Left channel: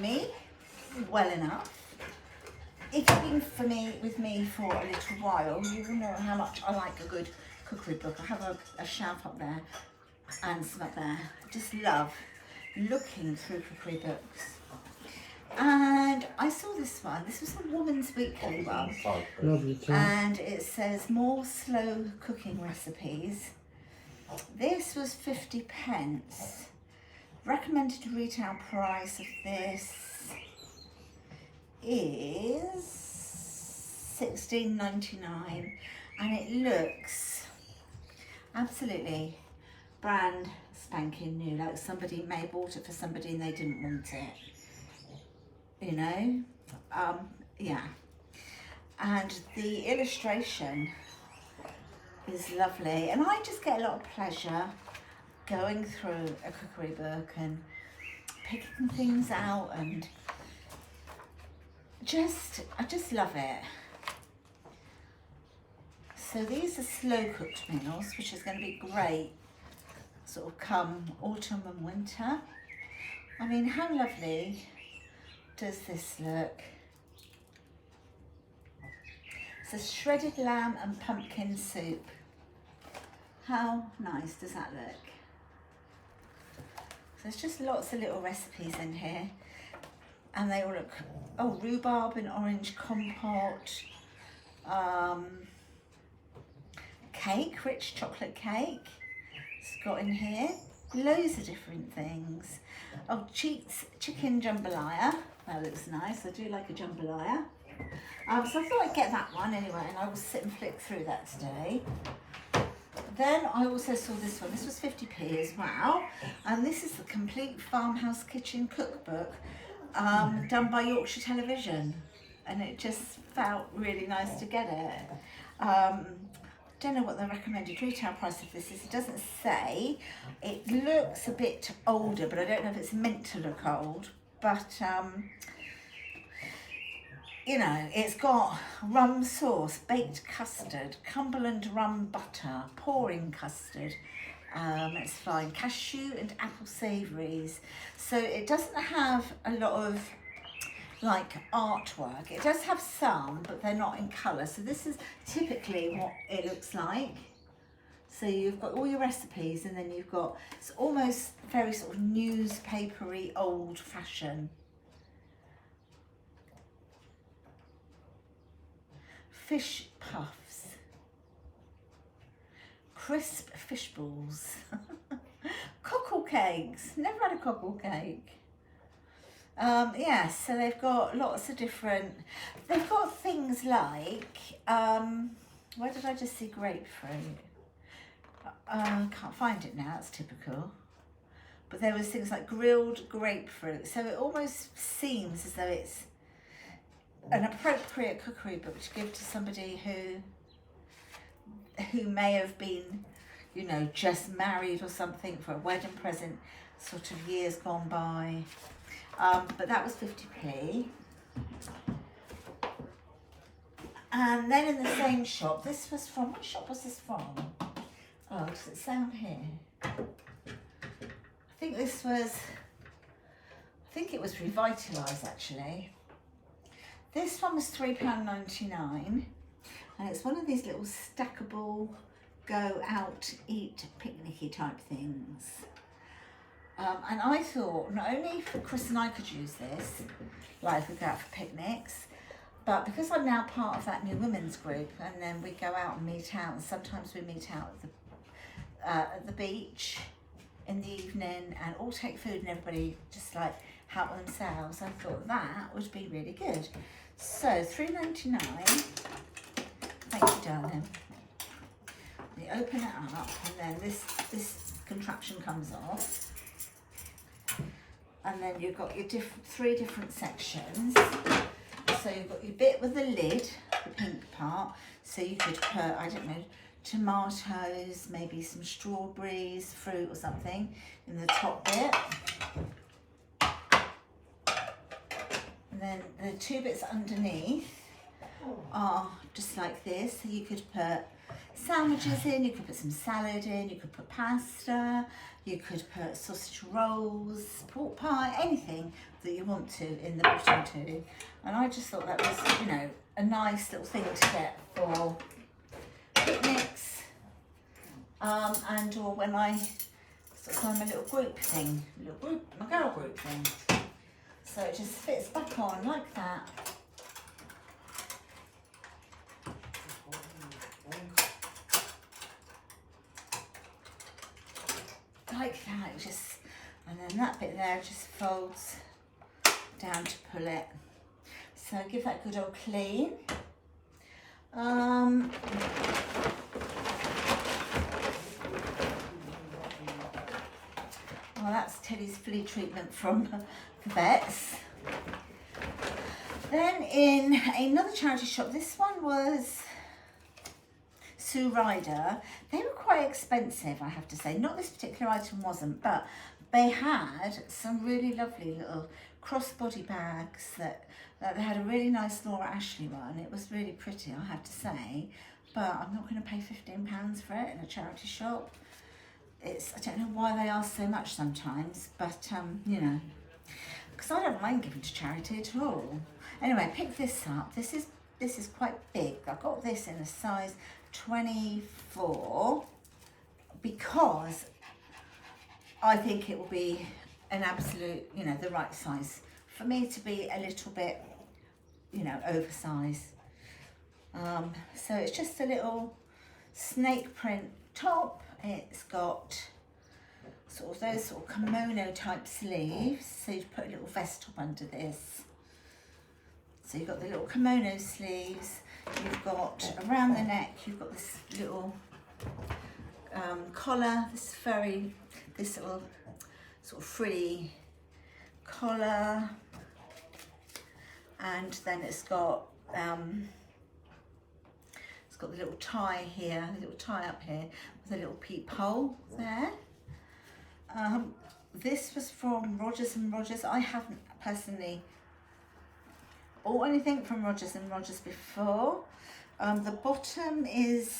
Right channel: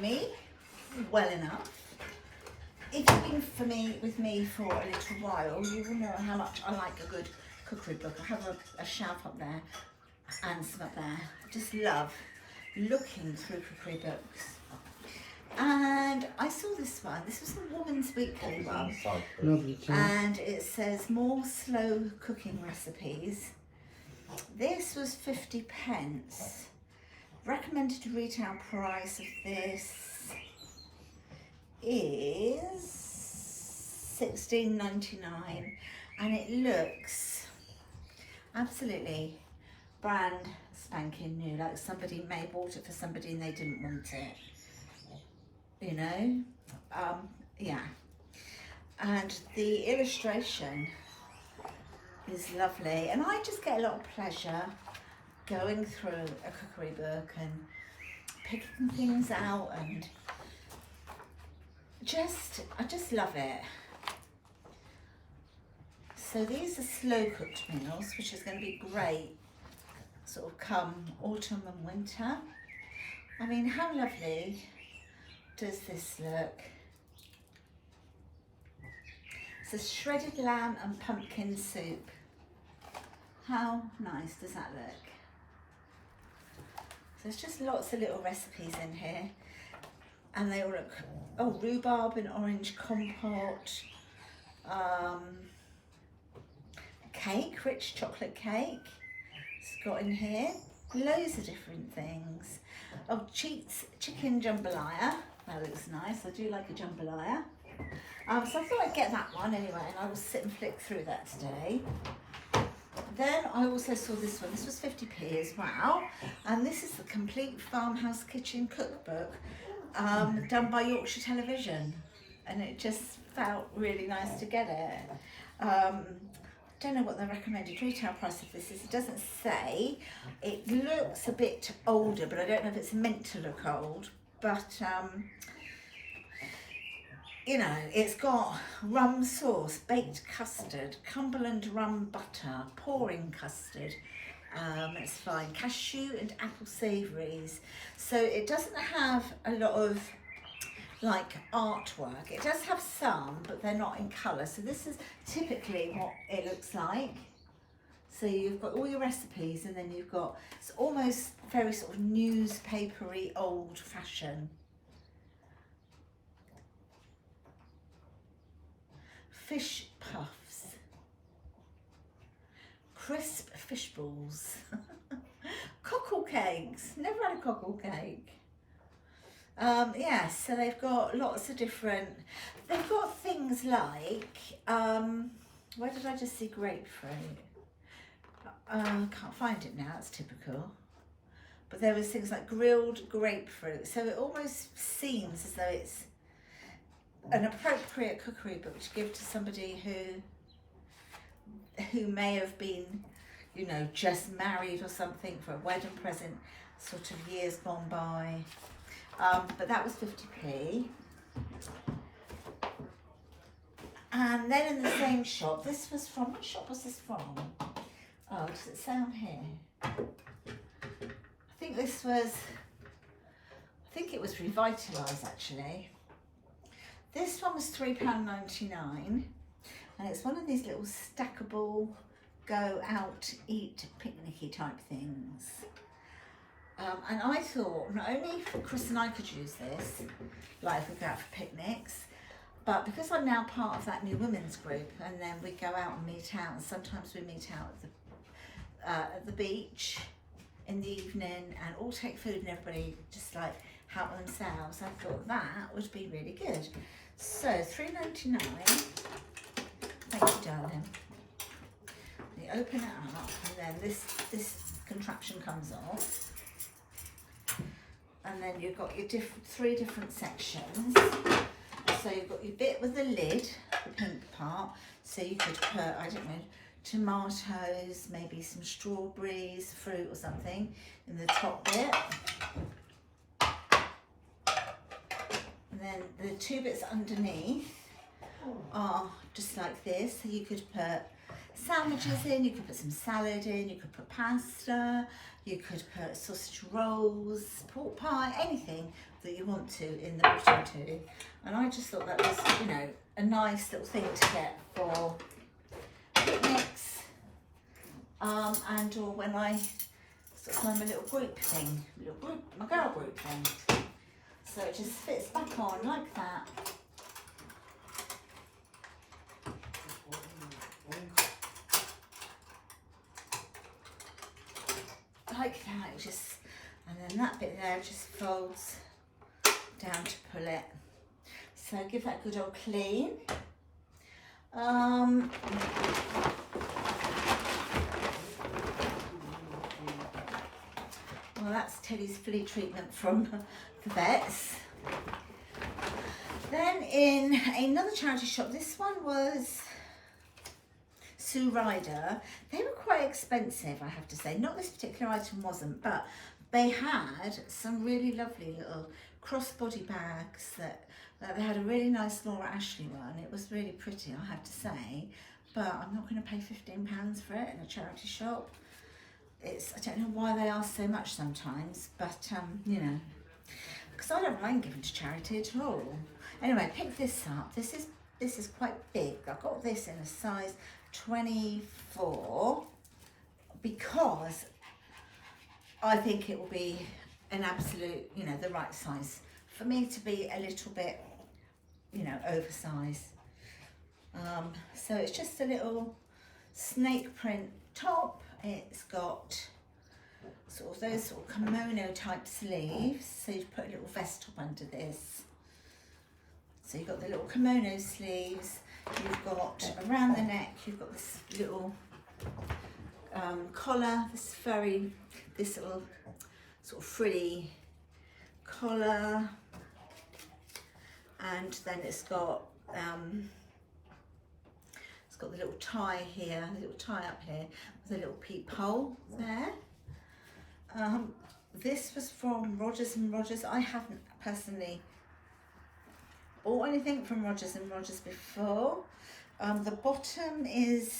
me well enough, if you've been with me for a little while, you will know how much I like a good cookery book. I have a shelf up there and some up there. I just love looking through cookery books. And I saw this one. This was a Woman's Weekly one. And it says more slow cooking recipes. This was 50p. Recommended retail price of this is $16.99, and it looks absolutely brand spanking new, like somebody may have bought it for somebody and they didn't want it, you know. Yeah, and the illustration is lovely, and I just get a lot of pleasure going through a cookery book and picking things out, and I just love it. So these are slow cooked meals, which is going to be great sort of come autumn and winter. I mean, how lovely does this look? So shredded lamb and pumpkin soup. How nice does that look? So there's just lots of little recipes in here, and they all look, oh, rhubarb and orange compote, cake, rich chocolate cake, it's got in here, loads of different things. Oh, chicken jambalaya, that looks nice, I do like a jambalaya. So I thought I'd get that one anyway, and I will sit and flick through that today. Then I also saw this one. This was 50p as well, and this is the Complete Farmhouse Kitchen Cookbook, done by Yorkshire Television, and it just felt really nice to get it. Don't know what the recommended retail price of this is. It doesn't say. It looks a bit older, but I don't know if it's meant to look old. But you know, it's got rum sauce, baked custard, Cumberland rum butter, pouring custard. It's fine. Cashew and apple savouries. So it doesn't have a lot of like artwork. It does have some, but they're not in colour. So this is typically what it looks like. So you've got all your recipes, and then you've got, it's almost very sort of newspapery, old fashioned. Fish puffs, crisp fish balls, cockle cakes, never had a cockle cake. Yeah, so they've got lots of different, they've got things like, where did I just see grapefruit? Can't find it now, it's typical. But there was things like grilled grapefruit, so it almost seems as though it's an appropriate cookery book to give to somebody who may have been, you know, just married or something for a wedding present, sort of years gone by. But that was 50p. And then in the same shop, this was from, what shop was this from? Oh, does it say on here? I think it was Revitalise actually. This one was £3.99, and it's one of these little stackable go out eat picnicky type things. And I thought not only Chris and I could use this, like if we go out for picnics, but because I'm now part of that new women's group, and then we go out and meet out, and sometimes we meet out at the beach in the evening and all take food and everybody just like help themselves. I thought that would be really good. So £3.99. Thank you, darling. You open it up, and then this contraption comes off, and then you've got your three different sections. So you've got your bit with the lid, the pink part. So you could put, I don't know, tomatoes, maybe some strawberries, fruit or something in the top bit. And then the two bits underneath are just like this. So you could put sandwiches in, you could put some salad in, you could put pasta, you could put sausage rolls, pork pie, anything that you want to in the bottom too. And I just thought that was, you know, a nice little thing to get for picnics, and or when I sort of have my little group thing, my girl group thing. So it just fits back on like that. Like that, it just, and then that bit there just folds down to pull it. So give that a good old clean. Well, that's Teddy's flea treatment from the vets. Then in another charity shop, this one was Ryder. They were quite expensive, I have to say. Not this particular item wasn't, but they had some really lovely little crossbody bags that they had a really nice Laura Ashley one. It was really pretty, I have to say, but I'm not going to pay £15 for it in a charity shop. I don't know why they ask so much sometimes, but you know, because I don't mind giving to charity at all. Anyway, pick this up. This is quite big. I got this in a size 24 because I think it will be an absolute, you know, the right size for me to be a little bit, you know, oversized. So it's just a little snake print top. It's got sort of those sort of kimono type sleeves, so you put a little vest top under this. So you've got the little kimono sleeves, you've got around the neck, you've got this little collar, this little sort of frilly collar, and then it's got the little tie here, a little tie up here with a little peephole there. This was from Rogers and Rogers. I haven't personally bought anything from Rogers and Rogers before. The bottom is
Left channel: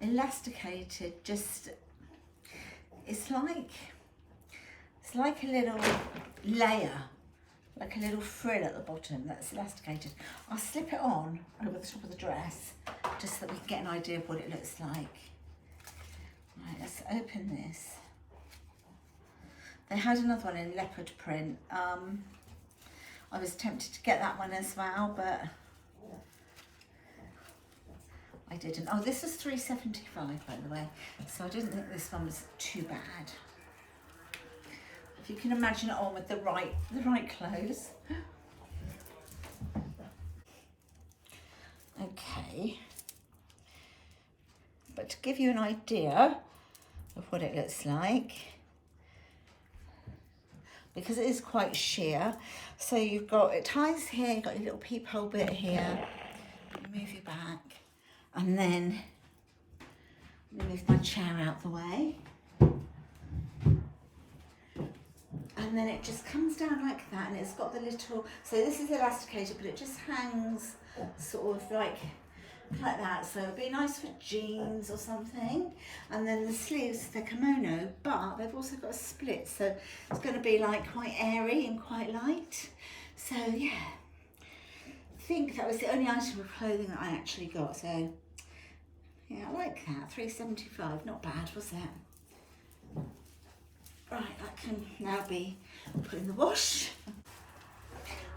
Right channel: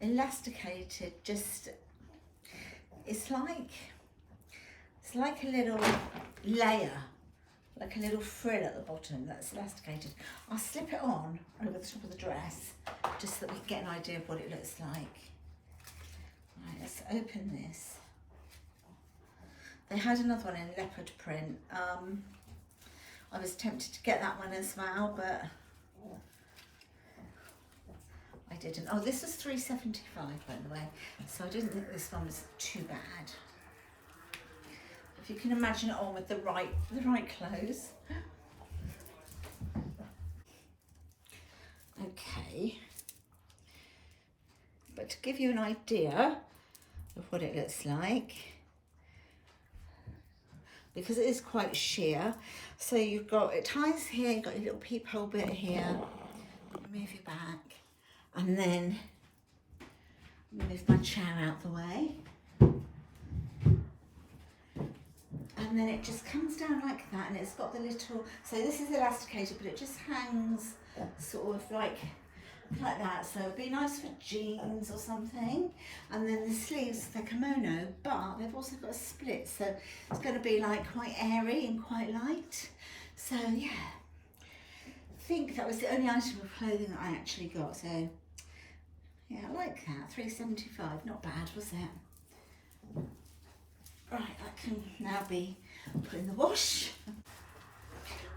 elasticated, just it's like a little layer, like a little frill at the bottom that's elasticated. I'll slip it on over the top of the dress just so that we can get an idea of what it looks like. Right, let's open this. They had another one in leopard print. I was tempted to get that one as well, but I didn't. Oh, this was £3.75 by the way, so I didn't think this one was too bad. If you can imagine it on with the right clothes. Okay, but to give you an idea of what it looks like, because it is quite sheer, so you've got, it ties here, you've got your little peephole bit here, move your back, and then move my chair out the way, and then it just comes down like that, and it's got the little, so this is elasticated, but it just hangs sort of like that, so it'd be nice for jeans or something. And then the sleeves, they're kimono, but they've also got a split, so it's going to be like quite airy and quite light. So yeah, I think that was the only item of clothing that I actually got, so yeah, I like that. £3.75, not bad, was it? Right, that can now be put in the wash.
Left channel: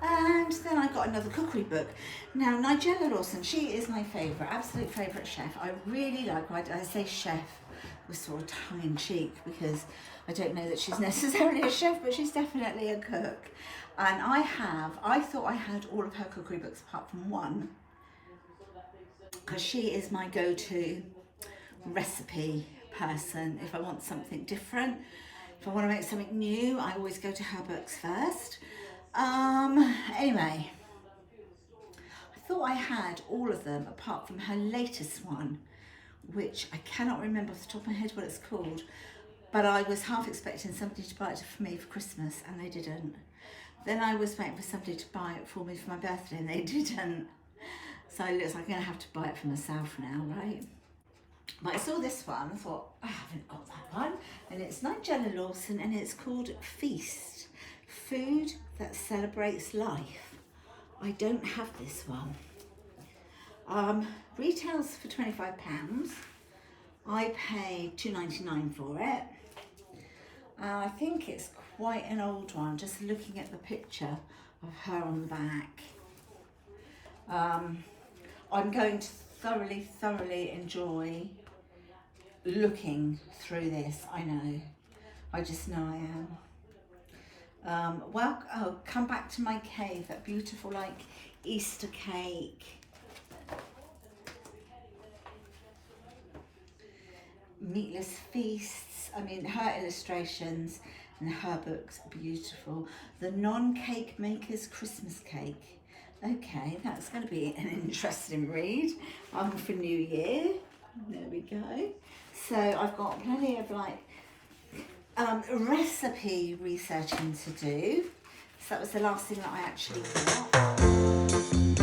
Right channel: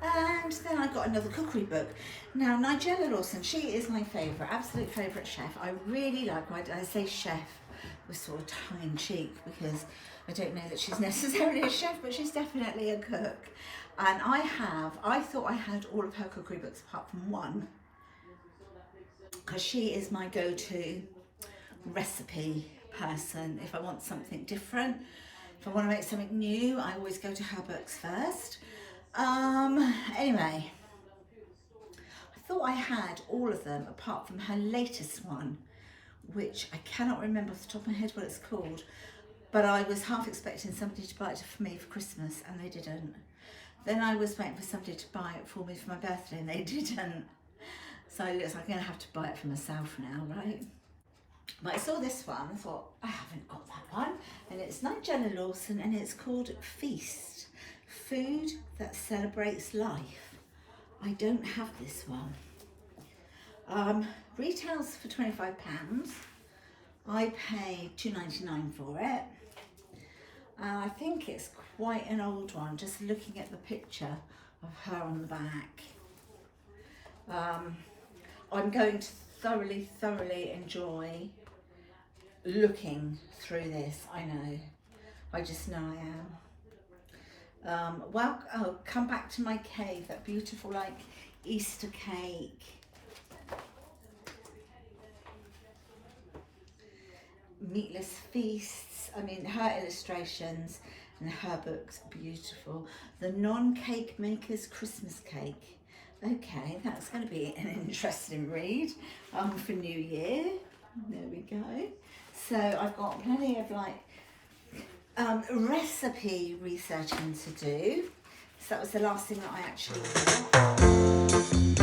And then I got another cookery book. Now, Nigella Lawson, she is my favourite, absolute favourite chef. I really like her. I say chef with sort of tongue-in-cheek because I don't know that she's necessarily a chef, but she's definitely a cook. And I thought I had all of her cookery books apart from one, because she is my go-to recipe person. If I want something different, if I want to make something new, I always go to her books first. Anyway, I thought I had all of them apart from her latest one, which I cannot remember off the top of my head what it's called, but I was half expecting somebody to buy it for me for Christmas and they didn't. Then I was waiting for somebody to buy it for me for my birthday and they didn't. So it looks like I'm going to have to buy it for myself now, right? But I saw this one, I thought, I haven't got that one. And it's Nigella Lawson and it's called Feast, Food That Celebrates Life. I don't have this one. Retails for £25. I paid £2.99 for it. I think it's quite an old one, just looking at the picture of her on the back. I'm going to thoroughly enjoy looking through this. I know, I just know I am. Well, oh, come back to my cave, that beautiful like Easter cake. Meatless feasts. I mean, her illustrations and her book's beautiful. The Non-Cake Maker's Christmas Cake. Okay, that's going to be an interesting read for New Year. There we go. So I've got plenty of like recipe researching to do. So that was the last thing that I actually got.